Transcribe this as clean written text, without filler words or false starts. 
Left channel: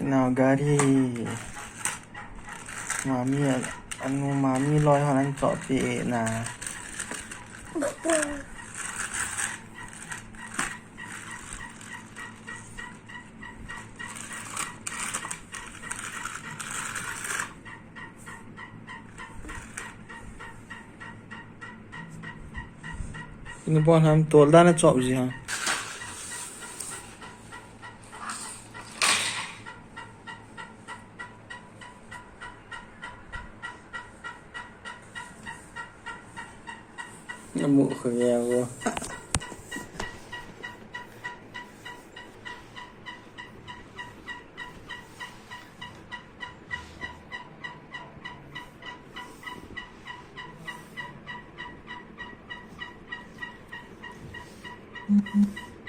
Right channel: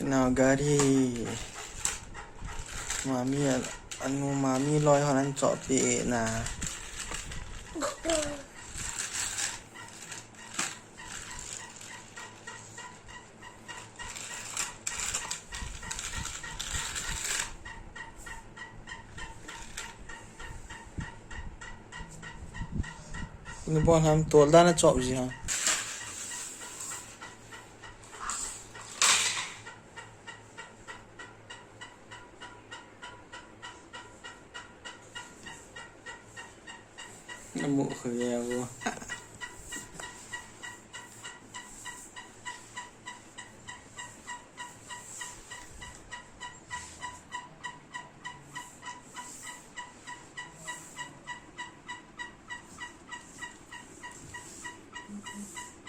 Kenal gari. Mami anu mami loy honan cok pi nah. Ini pun ham tol dah na cok sih ha. Nemu kerja aku. Mm-hmm.